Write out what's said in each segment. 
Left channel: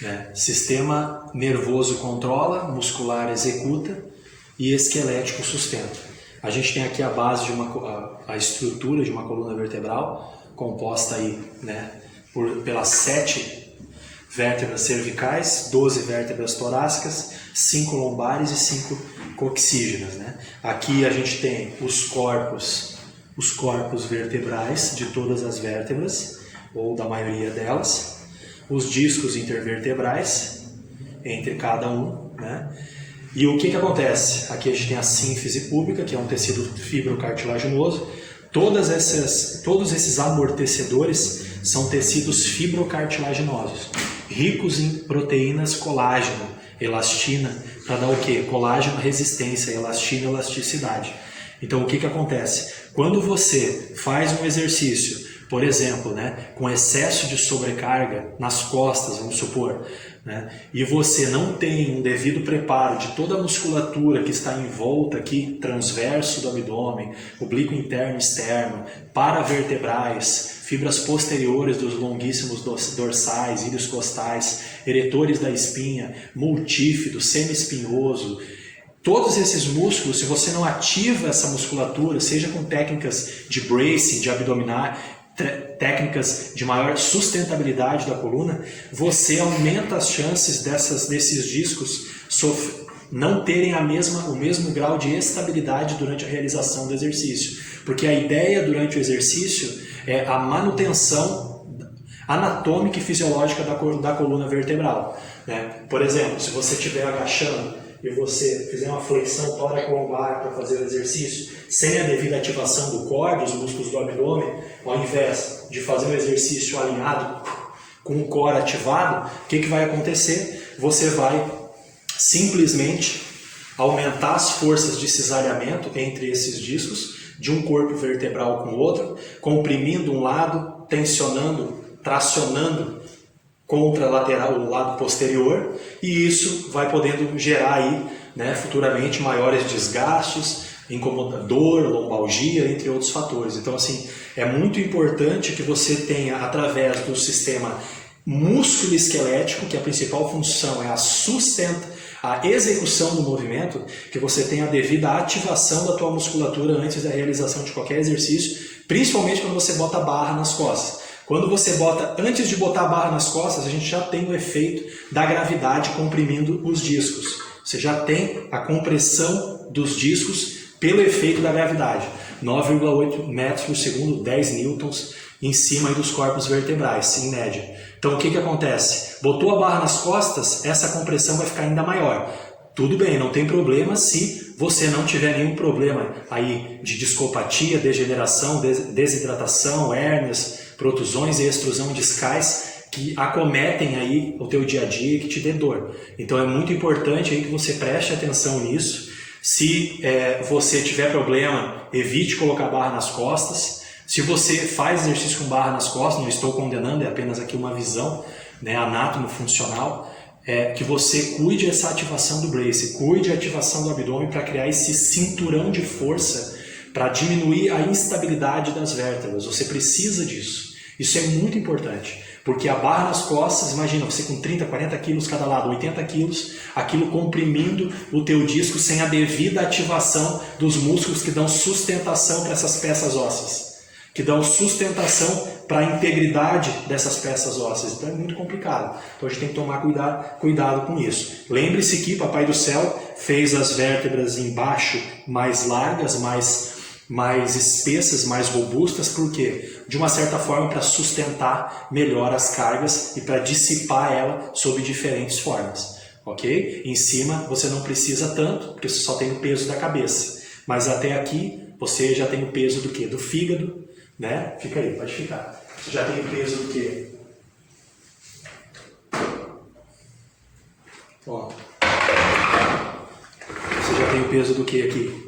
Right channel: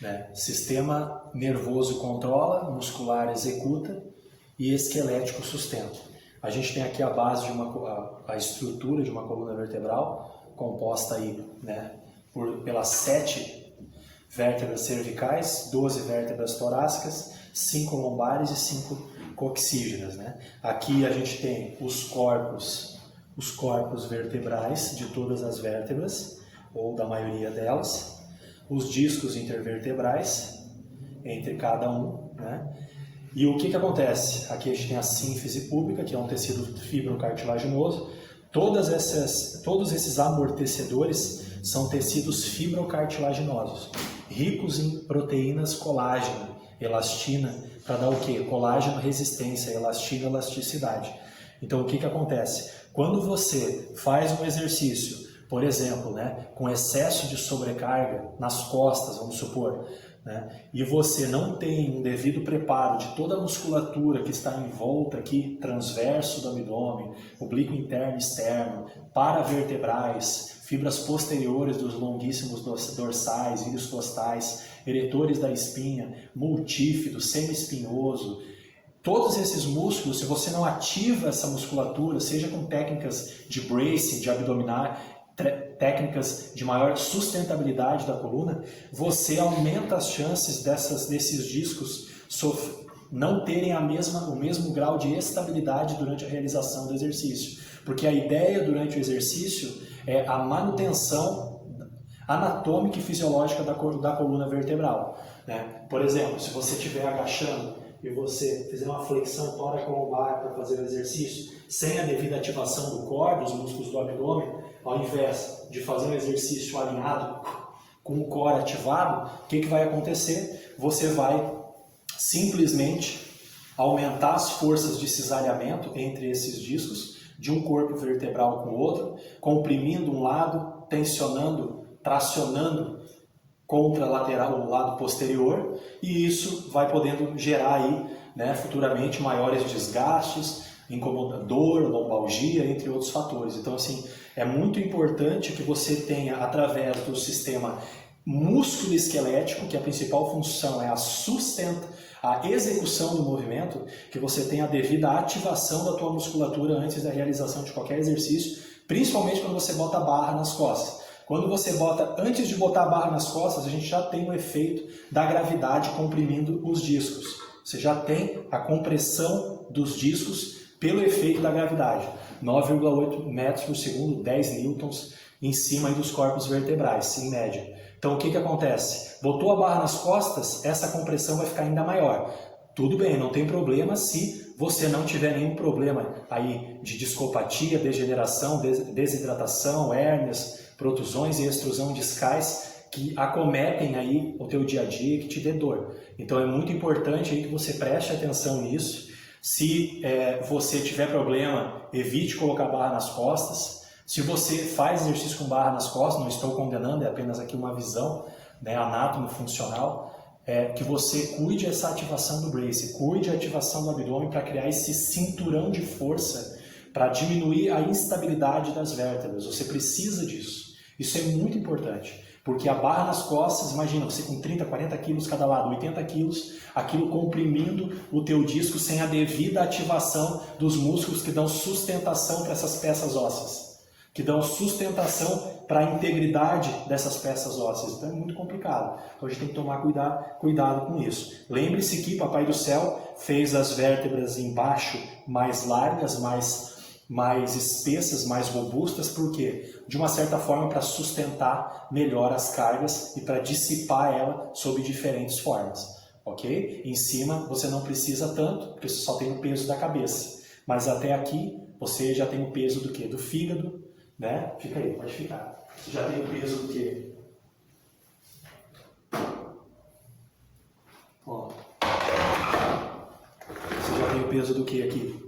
né? Sistema nervoso controla, muscular executa e esquelético sustenta. A gente tem aqui a base de a estrutura de uma coluna vertebral, composta aí, né, pelas 7 vértebras cervicais, 12 vértebras torácicas, 5 lombares e 5 coxígenas, né? Aqui a gente tem os corpos vertebrais de todas as vértebras, ou da maioria delas, os discos intervertebrais entre cada um, né? E o que acontece? Aqui a gente tem a sínfise púbica, que é um tecido fibrocartilaginoso. Todos esses amortecedores são tecidos fibrocartilaginosos, ricos em proteínas colágeno, elastina, para dar o quê? Colágeno, resistência, elastina, elasticidade. Então o que acontece? Quando você faz um exercício, por exemplo, né, com excesso de sobrecarga nas costas, vamos supor, né, e você não tem um devido preparo de toda a musculatura que está em volta aqui, transverso do abdômen, oblíquo interno e externo, paravertebrais, fibras posteriores dos longuíssimos dorsais, íleos costais, eretores da espinha, multífido, semiespinhoso. Todos esses músculos, se você não ativa essa musculatura, seja com técnicas de bracing, de abdominar, técnicas de maior sustentabilidade da coluna, você aumenta as chances desses discos não terem o mesmo grau de estabilidade durante a realização do exercício. Porque a ideia durante o exercício é a manutenção anatômica e fisiológica da coluna vertebral, né? Por exemplo, se você estiver agachando e você fizer uma flexão tóraco-lombar para fazer o exercício sem a devida ativação do core, dos músculos do abdômen, ao invés de fazer um exercício alinhado com o core ativado, o que vai acontecer? Você vai simplesmente aumentar as forças de cisalhamento entre esses discos, de um corpo vertebral com o outro, comprimindo um lado, tensionando, tracionando contralateral, o lado posterior, e isso vai podendo gerar aí, né, futuramente maiores desgastes, incomodador, lombalgia, entre outros fatores. Então, assim, é muito importante que você tenha, através do sistema músculo-esquelético, que a principal função é a execução do movimento, que você tenha a devida ativação da tua musculatura antes da realização de qualquer exercício, principalmente quando você bota a barra nas costas. Quando você antes de botar a barra nas costas, a gente já tem o efeito da gravidade comprimindo os discos. Você já tem a compressão dos discos pelo efeito da gravidade. 9,8 metros por segundo, 10 newtons em cima dos corpos vertebrais, em média. Então o que acontece? Botou a barra nas costas, essa compressão vai ficar ainda maior. Tudo bem, não tem problema se você não tiver nenhum problema aí de discopatia, degeneração, desidratação, hérnias, protusões e extrusão discais que acometem aí o teu dia a dia e que te dê dor. Então é muito importante aí que você preste atenção nisso. Se você tiver problema, evite colocar barra nas costas. Se você faz exercício com barra nas costas, não estou condenando, é apenas aqui uma visão, né, anátomo-funcional, que você cuide essa ativação do brace, cuide a ativação do abdômen para criar esse cinturão de força para diminuir a instabilidade das vértebras. Você precisa disso. Isso é muito importante, porque a barra nas costas, imagina você com 30, 40 quilos cada lado, 80 quilos, aquilo comprimindo o teu disco sem a devida ativação dos músculos que dão sustentação para essas peças ósseas, que dão sustentação para a integridade dessas peças ósseas. Então é muito complicado. Então a gente tem que tomar cuidado com isso. Lembre-se que Papai do Céu fez as vértebras embaixo mais largas, mais espessas, mais robustas, por quê? De uma certa forma para sustentar melhor as cargas e para dissipar ela sob diferentes formas, ok? Em cima você não precisa tanto, porque você só tem o peso da cabeça, mas até aqui você já tem o peso do quê? Do fígado, né? Fica aí, pode ficar. Você já tem o peso do quê? Ó. Você já tem o peso do quê aqui?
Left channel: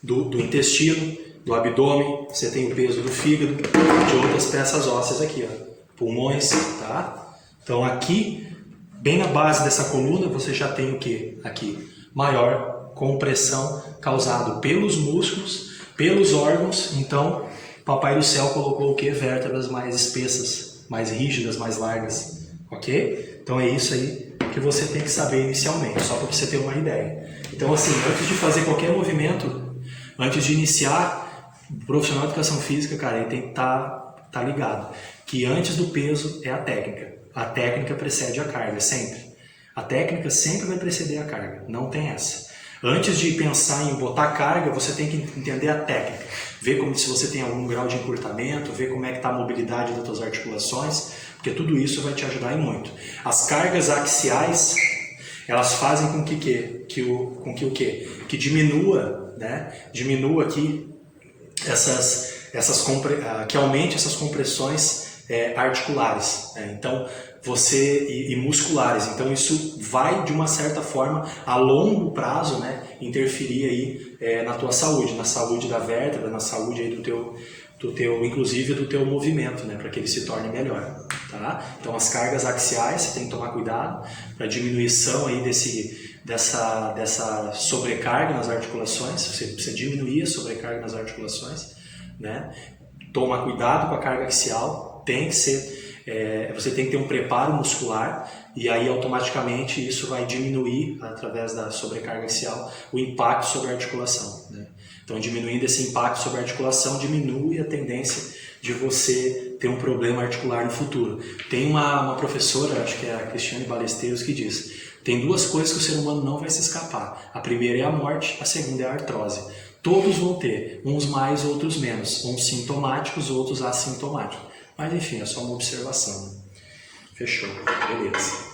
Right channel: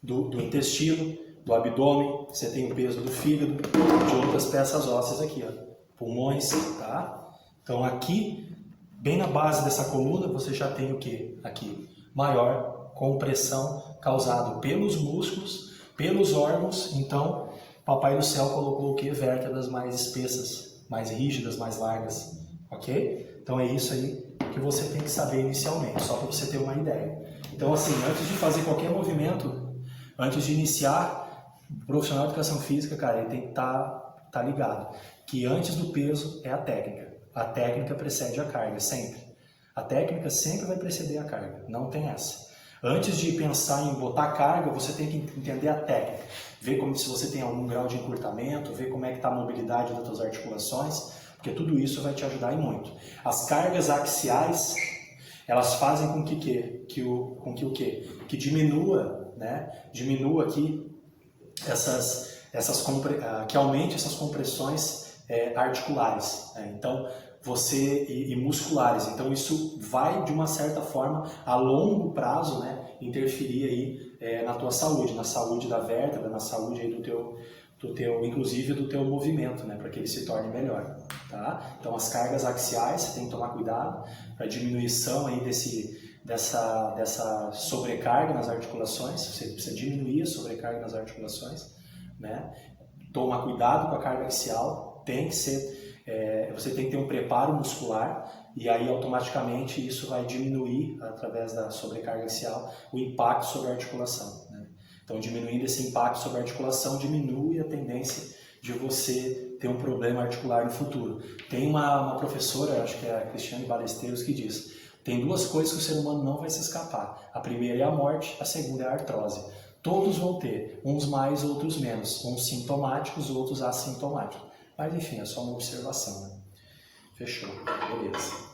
Do intestino, do abdômen, você tem o peso do fígado, de outras peças ósseas aqui, ó, pulmões, tá? Então aqui, bem na base dessa coluna, você já tem o que? Aqui, maior compressão causada pelos músculos, pelos órgãos. Então, Papai do Céu colocou o que? Vértebras mais espessas, mais rígidas, mais largas, ok? Então é isso aí que você tem que saber inicialmente, só para você ter uma ideia. Então assim, antes de fazer qualquer movimento, antes de iniciar, o profissional de educação física, cara, ele tem que tá ligado que antes do peso é a técnica. A técnica precede a carga, sempre. A técnica sempre vai preceder a carga, não tem essa. Antes de pensar em botar carga, você tem que entender a técnica. Ver como se você tem algum grau de encurtamento, ver como é que está a mobilidade das suas articulações, porque tudo isso vai te ajudar e muito. As cargas axiais, elas fazem com que diminua, né? Diminua aqui que aumente essas compressões articulares, né? Então e musculares. Então isso vai de uma certa forma a longo prazo, né, interferir aí na tua saúde, na saúde da vértebra, na saúde aí inclusive do teu movimento, né, para que ele se torne melhor, tá? Então as cargas axiais você tem que tomar cuidado para diminuição aí dessa sobrecarga nas articulações. Você precisa diminuir a sobrecarga nas articulações, né? Toma cuidado com a carga axial, tem que ser você tem que ter um preparo muscular e aí automaticamente isso vai diminuir, através da sobrecarga axial, o impacto sobre a articulação, né? Então diminuindo esse impacto sobre a articulação, diminui a tendência de você ter um problema articular no futuro. Tem uma professora, acho que é a Cristiane Balesteiros, que diz: tem duas coisas que o ser humano não vai se escapar. A primeira é a morte, a segunda é a artrose. Todos vão ter, uns mais, outros menos, uns sintomáticos, outros assintomáticos. Mas enfim, é só uma observação, né? Fechou, beleza.